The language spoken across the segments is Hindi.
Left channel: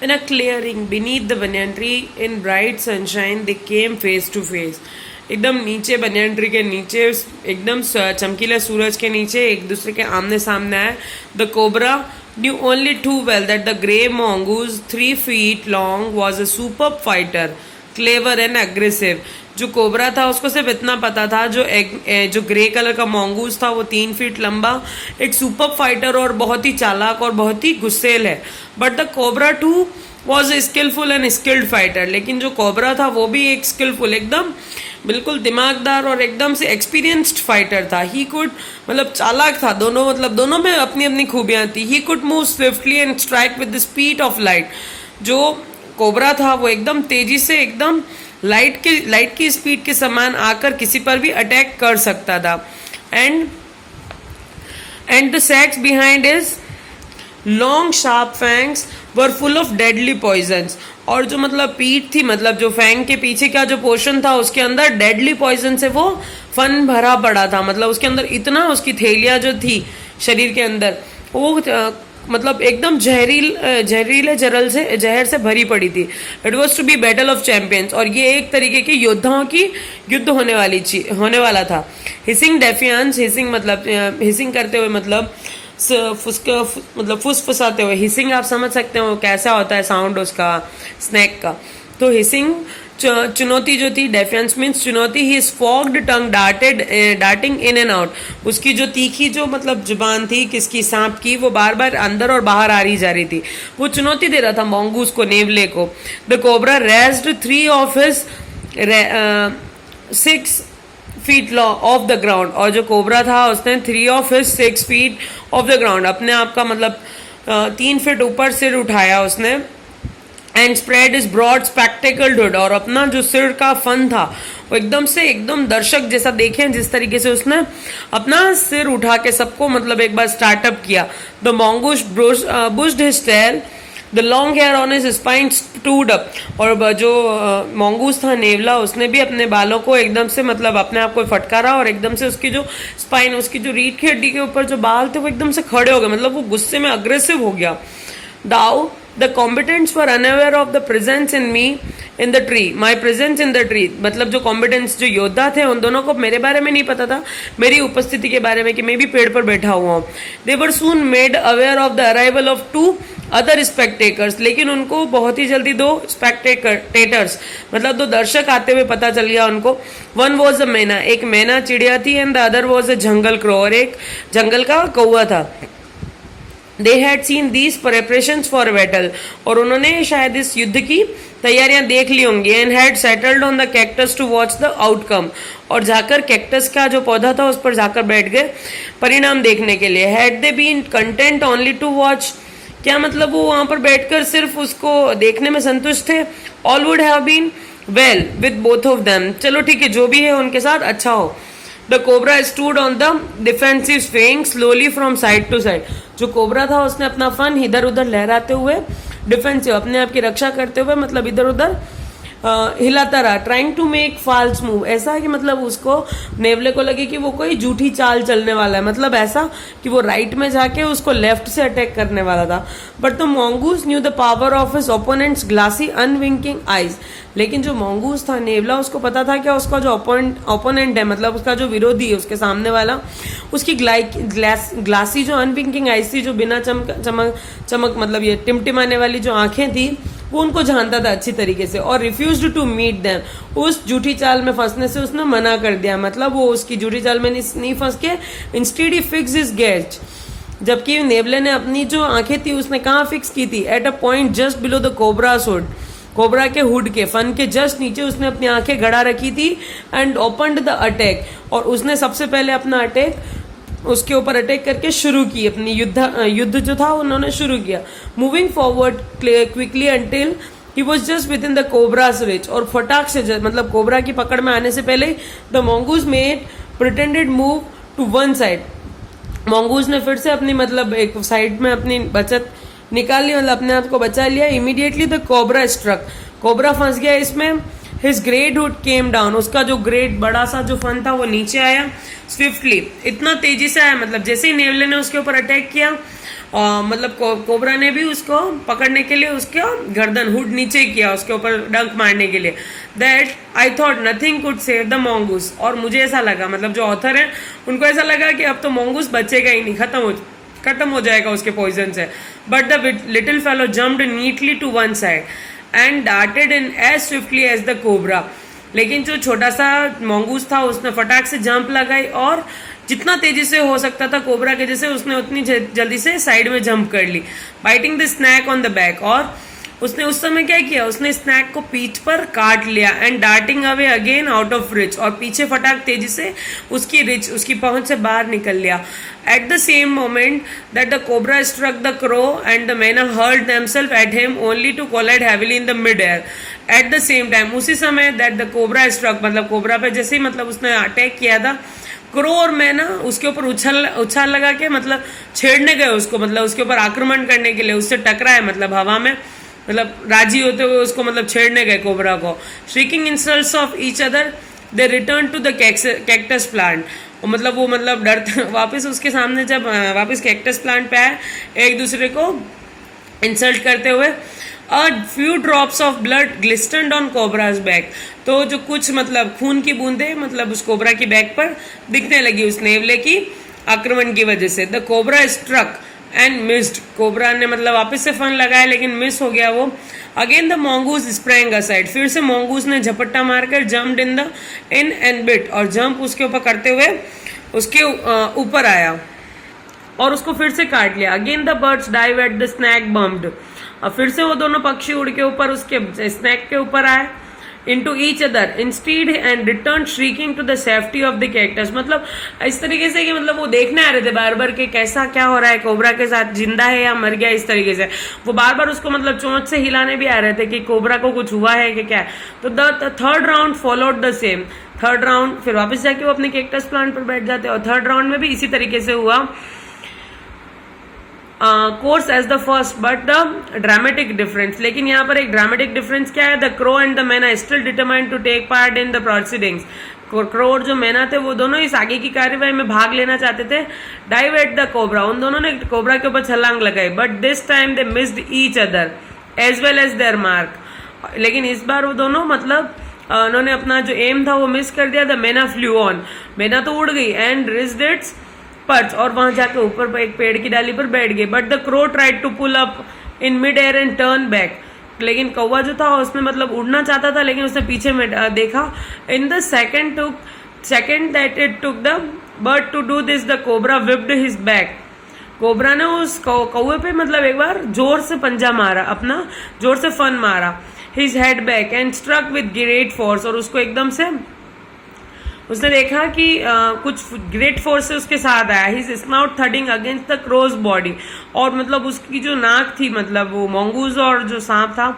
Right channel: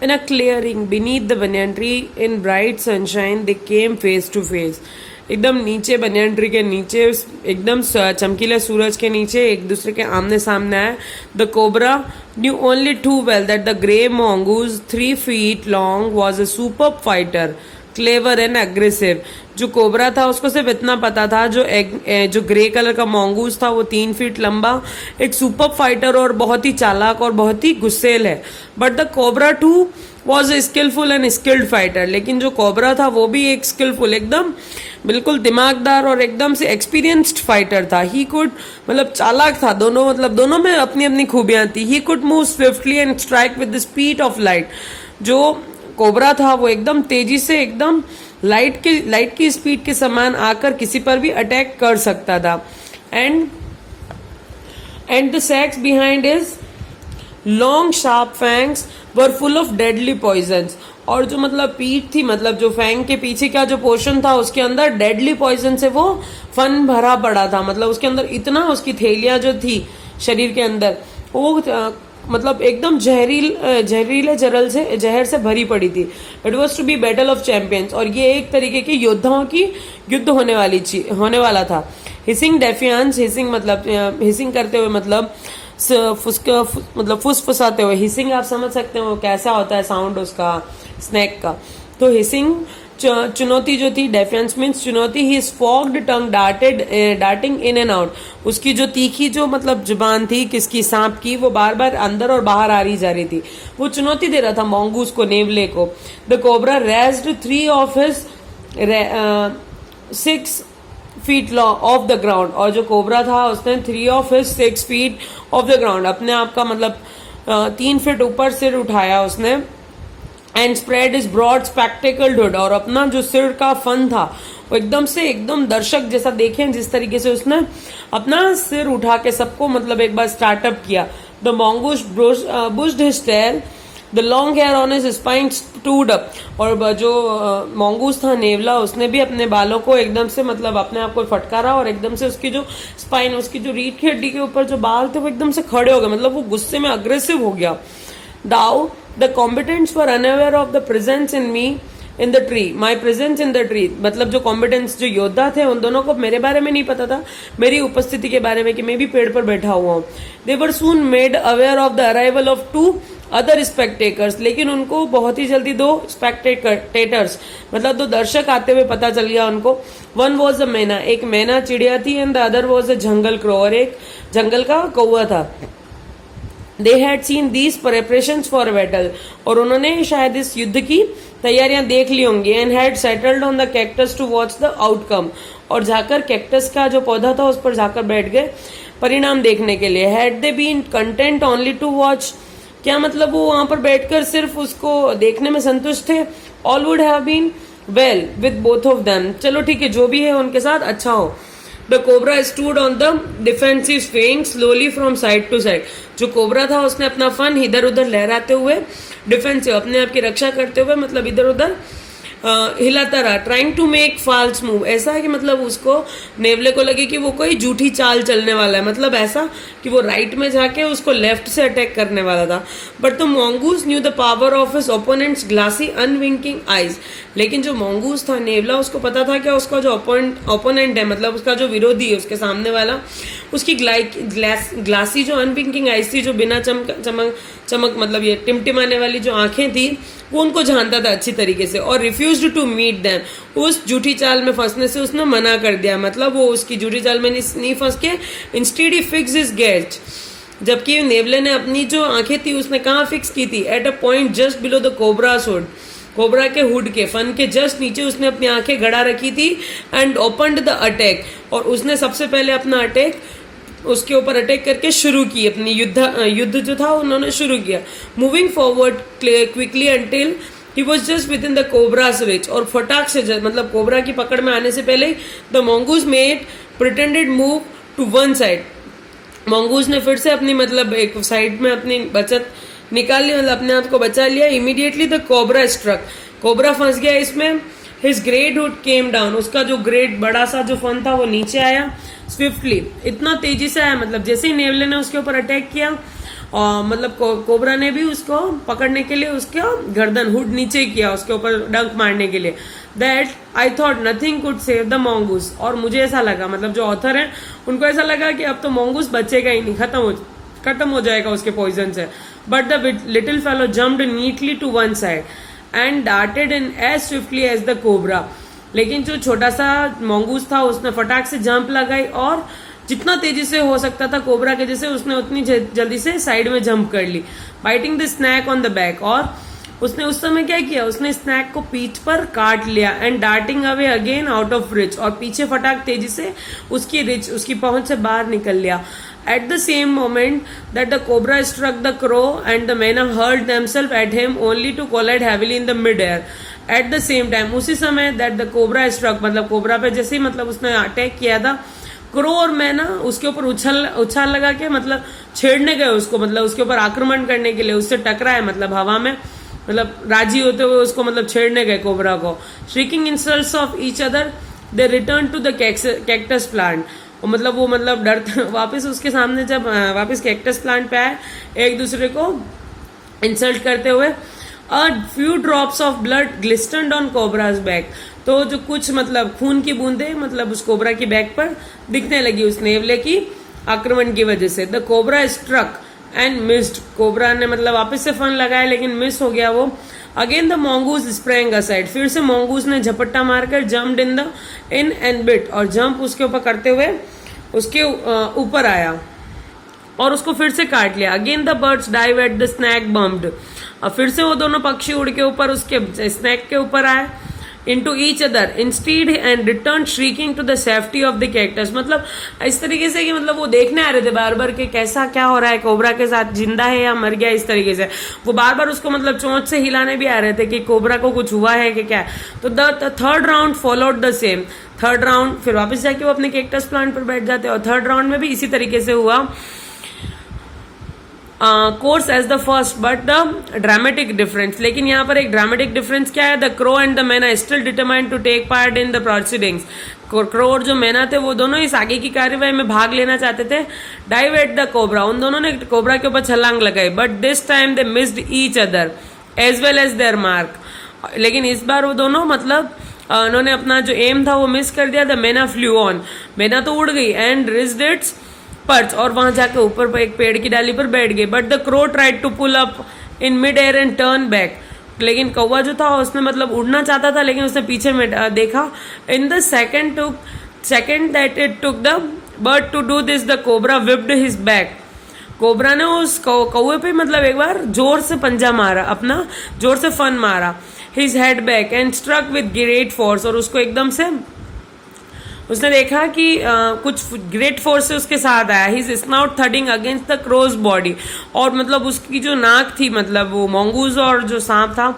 In a clearing beneath the banyan tree in bright sunshine they came face to face. एकदम नीचे बनियान ट्री के नीचे एकदम चमकीले सूरज के नीचे एक दूसरे के आमने सामने आए. The cobra knew only too well that the grey mongoose 3 feet long was a superb fighter, clever and aggressive. जो कोबरा था उसको सिर्फ इतना पता था जो ग्रे कलर का मॉन्गूस था वो 3 फीट लंबा एक सुपर फाइटर और बहुत ही चालाक और बहुत ही गुस्सेल है. But the cobra too was a skilful and skilled fighter. लेकिन जो कोबरा था वो भी एक स्किलफुल एकदम बिल्कुल दिमागदार और एकदम से एक्सपीरियंस्ड फाइटर था. ही कुड मतलब चालाक था दोनों में अपनी अपनी खूबियां थी. He could move swiftly and strike with the speed of light. जो कोबरा था वो एकदम तेजी से एकदम लाइट की स्पीड के समान आकर किसी पर भी अटैक कर सकता था. And the sacs behind his long sharp fangs were full of deadly poisons. और जो मतलब पीठ थी मतलब जो फैंग के पीछे का जो पोर्शन था उसके अंदर डेडली पॉइजन से वो फन भरा पड़ा था. मतलब उसके अंदर इतना उसकी थैलियां जो थी शरीर के अंदर वो मतलब एकदम जहरीले जहर से भरी पड़ी थी. It was to be battle of champions. और ये एक तरीके के योद्धाओं की युद्ध होने वाला था. Hissing defiance. हिसिंग मतलब हिसिंग करते हुए मतलब फुसफुसाते हुए. हिसिंग आप समझ सकते हो कैसा होता है साउंड उसका स्नैक का. तो हिसिंग चुनौती जो थी. डेफियंस मीन्स चुनौती. His forked tongue darting in and out. उसकी जो तीखी जो मतलब जुबान थी किसकी सांप की वो बार बार अंदर और बाहर आ रही जा रही थी. वो चुनौती दे रहा था मॉन्गूस को नेवले को. The cobra raised 3 of his 6 feet of the ground. और जो कोबरा था उसने 3 of his 6 feet of the ground अपने आप का मतलब 3 फीट ऊपर सिर उठाया उसने. And spread is broad spectacled hood. और अपना जो सिर का फन था वो एकदम दर्शक जैसा देखें जिस तरीके से उसने अपना सिर उठा के सबको मतलब एक बार स्टार्टअप किया. The mongoose bushed his tail. The long hair on his spine stood up. और जो मॉन्गूस था नेवला उसने भी अपने बालों को एकदम से मतलब अपने आप को फटकारा और एकदम से उसकी जो स्पाइन उसकी जो रीढ़ की हड्डी के ऊपर जो बाल थे वो एकदम से खड़े हो गए. मतलब वो गुस्से में अग्रेसिव हो गया. Though the combatants were unaware of the presence in me in the tree. My presence in the tree. मतलब जो कॉम्बिटेंट्स जो योद्धा थे उन दोनों को मेरे बारे में नहीं पता था मेरी उपस्थिति के बारे में कि मैं भी पेड़ पर बैठा हुआ हूँ. They were soon made aware of the arrival of 2 other spectators. लेकिन उनको बहुत ही जल्दी 2 स्पेक्टेटर्स मतलब 2 दर्शक आते हुए पता चल गया उनको. वन वॉज अ मैना. एक मैना चिड़िया थी. And the other was a jungle crow. और एक जंगल का कौवा था. They had seen these preparations for battle. और उन्होंने शायद इस युद्ध की तैयारियां देख ली होंगी. And had settled on the cactus to watch the outcome. और जाकर कैक्टस का जो पौधा था उस पर जाकर बैठ गए परिणाम देखने के लिए. Had they been content only to watch. क्या मतलब वो वहां पर बैठकर सिर्फ उसको देखने में संतुष्ट थे. All would have been well with both of them. चलो ठीक है जो भी है उनके साथ अच्छा हो. The cobra stood on the defensive swing slowly from side to side. जो कोबरा था उसने अपना फन इधर उधर लहराते हुए डिफेंसिव अपने आप की रक्षा करते हुए मतलब इधर उधर हिलाता रहा. Trying to make false move. ऐसा है कि मतलब उसको नेवले को लगे कि वो कोई झूठी चाल चलने वाला है. मतलब ऐसा कि वो राइट में जाके उसको लेफ्ट से अटैक करने वाला था. But the mongoose knew the power of his opponent's glassy unwinking eyes. लेकिन जो मॉन्गूस था नेवला उसको पता था क्या उसका जो ओपोनेंट है मतलब उसका जो विरोधी है उसके सामने वाला उसकी ग्लासी जो अनविंकिंग आईज थी जो बिना चमक मतलब ये टिमटिमाने वाली जो आंखें थी वो उनको जानता था अच्छी तरीके से. और रिफ्यूज्ड टू मीट देम. उस झूठी चाल में फंसने से उसने मना कर दिया. मतलब वो उसकी झूठी चाल में नहीं फंस के instead he fix his gaze. जबकि नेवले ने अपनी जो आंखें थी उसने कहाँ फिक्स की थी. At a point just below the cobras hood. Cobra के हुड के फन के जस्ट नीचे उसने अपनी आंखें गड़ा रखी थी. And opened the attack. और उसने सबसे पहले अपना अटैक उसके ऊपर अटैक करके शुरू की. अपनी युद्ध जो था उन्होंने शुरू किया. Moving forward quickly until he was just with in the cobras rich. और फटाक से मतलब कोबरा की पकड़ में आने से पहले the mongoose made pretended move to one side. Mongoose ने फिर से अपनी मतलब एक साइड में अपनी बचत निकाल ली मतलब अपने आप को बचा लिया. Immediately the cobra struck. Cobra फंस गया इसमें. His great hood came down. उसका जो ग्रेट बड़ा सा जो फन था वो नीचे आया स्विफ्टली. इतना तेजी से आया मतलब जैसे ही नेवले ने उसके ऊपर अटैक किया मतलब कोबरा ने भी उसको पकड़ने के लिए उसका गर्दन हुड नीचे किया, उसके ऊपर डंक मारने के लिए। That I thought nothing could save the mongoose, और मुझे ऐसा लगा, मतलब जो ऑथर है उनको ऐसा लगा कि अब तो mongoose बचेगा ही नहीं, खत्म हो जाएगा उसके पॉइजन से। But the little fellow jumped neatly to one side and darted in as swiftly as the cobra. लेकिन जो छोटा सा mongoose था उसने फटाक से जंप लगाई और जितना तेजी से हो सकता था कोबरा के जैसे उसने उतनी जल्दी से साइड में जंप कर ली, biting the snake on the back. और उसने उस समय क्या किया, उसने स्नैक को पीठ पर काट लिया and darting away again out of rich, और पीछे फटाक तेजी से उसकी पहुंच से बाहर निकल लिया। At the same moment that the cobra struck the crow and the myna hurled themselves at him only to collide heavily in the mid air. At the same time, उसी समय दैट द कोबरा स्ट्रक, मतलब कोबरा पे जैसे ही मतलब उसने अटैक किया था, क्रो और मैना उसके ऊपर उछाल लगा के मतलब छेड़ने गए उसको, मतलब उसके ऊपर आक्रमण करने के लिए, उससे टकराए, मतलब हवा में मतलब राजी होते हुए उसको मतलब छेड़ने गए कोबरा को। Shrieking insults of each other they return to the cactus plant, मतलब वो मतलब डरते वापस उसके सामने जब वापस कैक्टस प्लांट पे आए, एक दूसरे को इंसल्ट करते हुए। A few drops of blood glistered on cobra's back, तो जो कुछ मतलब खून की बूंदे मतलब उस कोबरा की बैक पर दिखने लगी उस नेवले की आक्रमण की वजह से। The cobra struck and missed, cobra ने मतलब वापस से फन लगाया लेकिन मिस हो गया वो। Again the mongoose sprang aside, फिर से mongoose ने झपट्टा मारकर जम्प्ड इन एंड बिट, और जंप उसके ऊपर करते हुए उसके ऊपर आया और उसको फिर से काट लिया। Again the birds dive at the snake bumped, और फिर से वो दोनों पक्षी उड़ के ऊपर उसके स्नैक के ऊपर आए। into each other instead and returned shrieking to the safety of the cactus, मतलब इस तरीके से कि मतलब वो देखने आ रहे थे बार बार कि कैसा क्या हो रहा है, कोबरा के साथ जिंदा है या मर गया, इस तरीके से वो बार बार उसको मतलब चोंच से हिलाने भी आ रहे थे कि कोबरा को कुछ हुआ है कि क्या। तो the third round followed the same, third round फिर वापस जाके वो अपने कैक्टस प्लांट पर बैठ जाते, और थर्ड राउंड में भी इसी तरीके से हुआ course as the first but the dramatic difference. लेकिन यहाँ पर एक ड्रामेटिक डिफरेंस क्या है, the crow and the myna still determined to take part in the proceedings. Crow और जो मैना थे वो दोनों इस आगे की कार्यवाही में भाग लेना चाहते थे। डाइव एट द कोबरा, उन दोनों ने कोबरा के ऊपर छलांग लगाई, but this time they missed each other as well as their mark. लेकिन इस बार वो दोनों मतलब उन्होंने अपना जो एम था वो मिस कर दिया। द मैना फ्लू ऑन, मैना तो उड़ गई एंड रिज्ड इट्स पर्च, और वहां जाकर ऊपर एक पेड़ की डाली पर बैठ गई। But the crow tried to pull up in mid air and turn back, लेकिन कौवा जो था उसने मतलब उड़ना चाहता था लेकिन उसने पीछे में देखा। In the second that it took the bird to do this the cobra whipped his back, cobra ने उस कौवे पे मतलब एक बार जोर से पंजा मारा, अपना जोर से फन मारा। His head back and struck with great force, और उसको एकदम से उसने देखा कि कुछ ग्रेट फोर्स से उसके साथ आया। His snout thudding against the crow's body, और मतलब उसकी जो नाक थी, मतलब वो mongoose और जो सांप था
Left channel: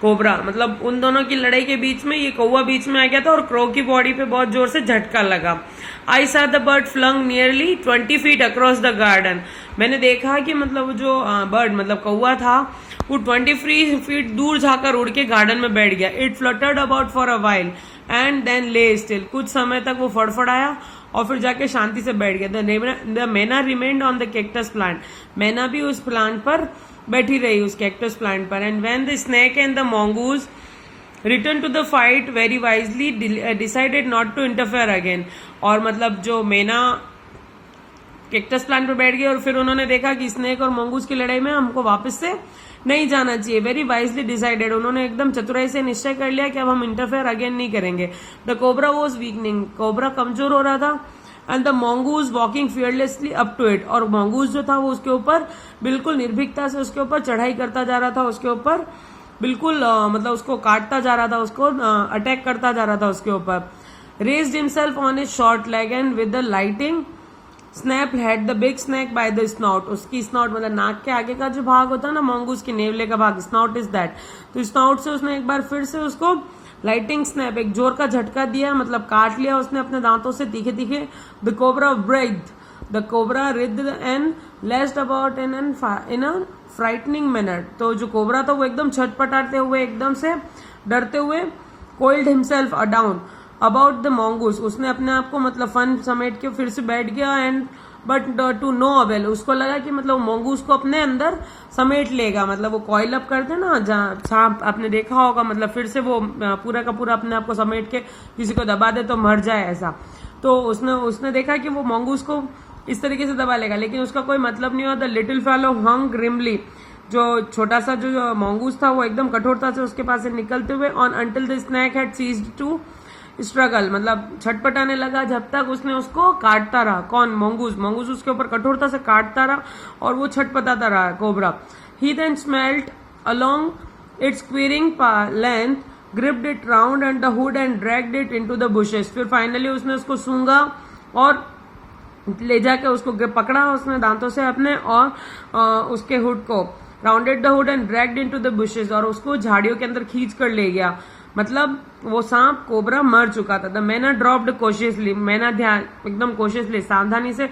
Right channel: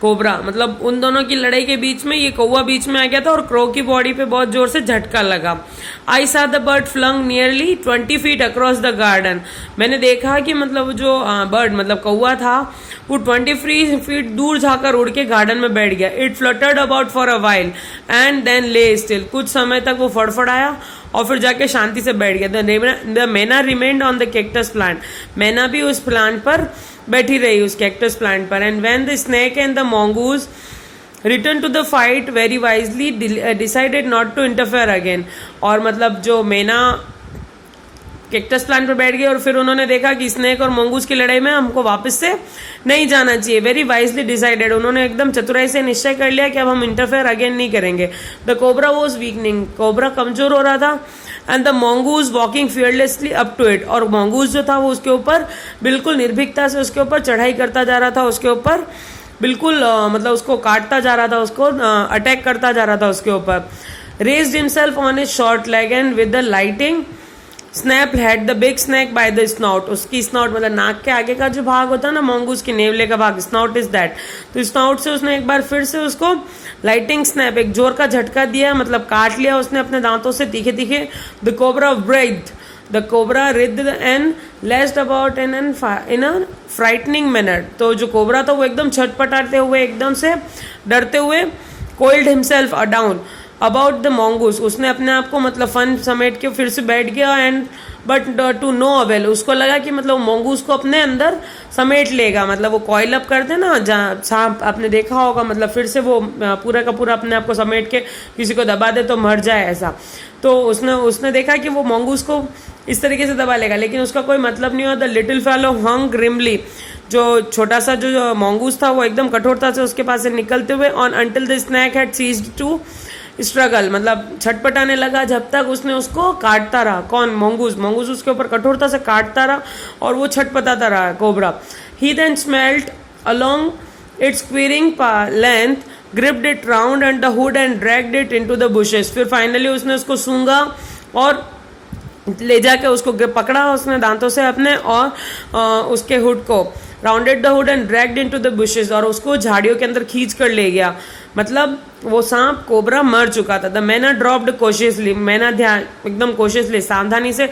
कोबरा, मतलब उन दोनों की लड़ाई के बीच में ये कौवा बीच में आ गया था और क्रो की बॉडी पे बहुत जोर से झटका लगा। I saw the bird flung nearly 20 feet across the garden, मैंने देखा कि मतलब जो बर्ड मतलब कौवा था वो 20 feet दूर जाकर उड़ के गार्डन में बैठ गया। It fluttered about for a while and then lay still, कुछ समय तक वो फड़फड़ाया और फिर जाके शांति से बैठ गया। The myna remained on the cactus plant, मैना भी उस प्लांट पर बैठी रही, उस कैक्टस प्लांट पर। And when the snake and the mongoose return to the fight very wisely decided not to interfere again, और मतलब जो मैना कैक्टस प्लांट पर बैठ गए और फिर उन्होंने देखा कि स्नेक और mongoose की लड़ाई में हमको वापस से नहीं जाना चाहिए। वेरी वाइजली डिसाइडेड, उन्होंने एकदम चतुराई से निश्चय कर लिया कि अब हम इंटरफेयर अगेन नहीं करेंगे। The cobra was weakening, cobra कमजोर हो रहा था। And the mongoose walking fearlessly up to it, और mongoose जो था वो उसके ऊपर बिल्कुल निर्भीकता से उसके ऊपर चढ़ाई करता जा रहा था, उसके ऊपर बिल्कुल मतलब उसको काटता जा रहा था, उसको अटैक करता जा रहा था उसके ऊपर। Raised himself on his short leg and with the lightning snap had the big snake by the snout, उसकी स्नॉट मतलब नाक के आगे का जो भाग होता है ना mongoose की नेवले का भाग, स्नॉट इज दैट, तो स्नॉट से उसने एक बार फिर से उसको लाइटिंग स्नैप एक जोर का झटका दिया, मतलब काट लिया उसने अपने दांतों से तीखे तीखे। The cobra writhed, the cobra writhed and lashing about in a frightening manner, तो जो कोबरा था वो एकदम छटपटाते हुए एकदम से डरते हुए coiled himself down about the mongoose, उसने अपने आप को मतलब फन समेट के फिर से बैठ गया and but to no avail, उसको लगा कि मतलब मोंगूस को अपने अंदर समेट लेगा, मतलब वो कॉइल अप करते ना जहाँ सांप, आपने देखा होगा, मतलब फिर से वो पूरा का पूरा अपने आप को समेट के किसी को दबा दे तो मर जाए ऐसा। तो उसने देखा कि वो मोंगूस को इस तरीके से दबा लेगा, लेकिन उसका कोई मतलब नहीं हुआ। The little fellow hung grimly, जो छोटा सा जो मोंगूस था वो एकदम कठोरता से उसके पास से निकलते हुए, on until the snake had ceased to struggle, मतलब छटपटाने लगा जब तक उसने उसको काटता रहा। कौन? मोंगूस। मोंगूस उसके ऊपर कठोरता से काटता रहा और वो छटपटाता रहा cobra. He then smelt along its quivering length, gripped it round and the hood and dragged it into the bushes. फिर फाइनली उसने उसको सूंघा और ले जाके उसको पकड़ा उसने दांतों से अपने, और उसके हुड को rounded the hood and dragged into the bushes, और उसको झाड़ियों के अंदर खींच कर ले गया। मतलब वो सांप कोबरा मर चुका था। द मैना ड्रॉप्ड कोशियसली, मैना ध्यान एकदम कोशियसली सावधानी से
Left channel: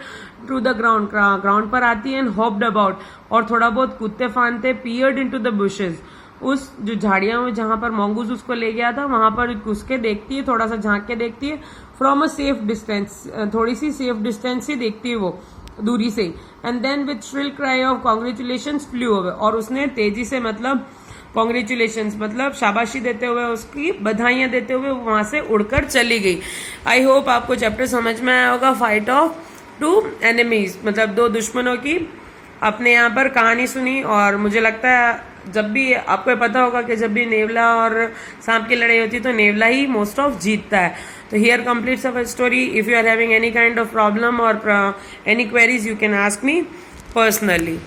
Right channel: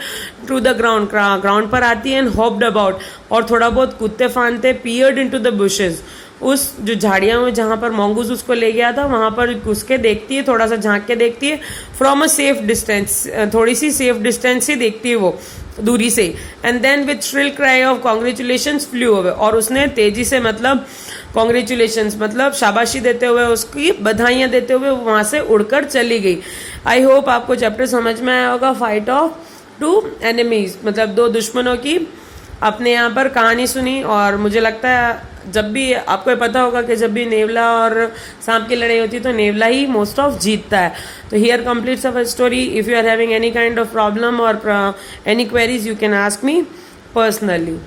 टू द ग्राउंड, ग्राउंड पर आती है, एंड हॉप्ड अबाउट, और थोड़ा बहुत कूदते फांदते, पियर्ड इनटू द बुशेस, उस जो झाड़ियां हुई जहां पर मोंगूस उसको ले गया था वहां पर घुस के देखती है, थोड़ा सा झांक के देखती है, फ्रॉम अ सेफ डिस्टेंस, थोड़ी सी सेफ डिस्टेंस से देखती है वो दूरी से, and then with shrill cry of congratulation flew away, और उसने तेजी से मतलब कॉन्ग्रेचुलेशन मतलब शाबाशी देते हुए, उसकी बधाइयां देते हुए वहां से उड़कर चली गई। आई होप आपको चैप्टर समझ में आया होगा। फाइट ऑफ टू एनिमीज, मतलब दो दुश्मनों की अपने यहाँ पर कहानी सुनी। और मुझे लगता है जब भी आपको पता होगा कि जब भी नेवला और सांप की लड़ाई होती है तो नेवला ही मोस्ट ऑफ जीतता है। तो here completes our story. If you are having any kind of problem और any queries, you can ask me personally.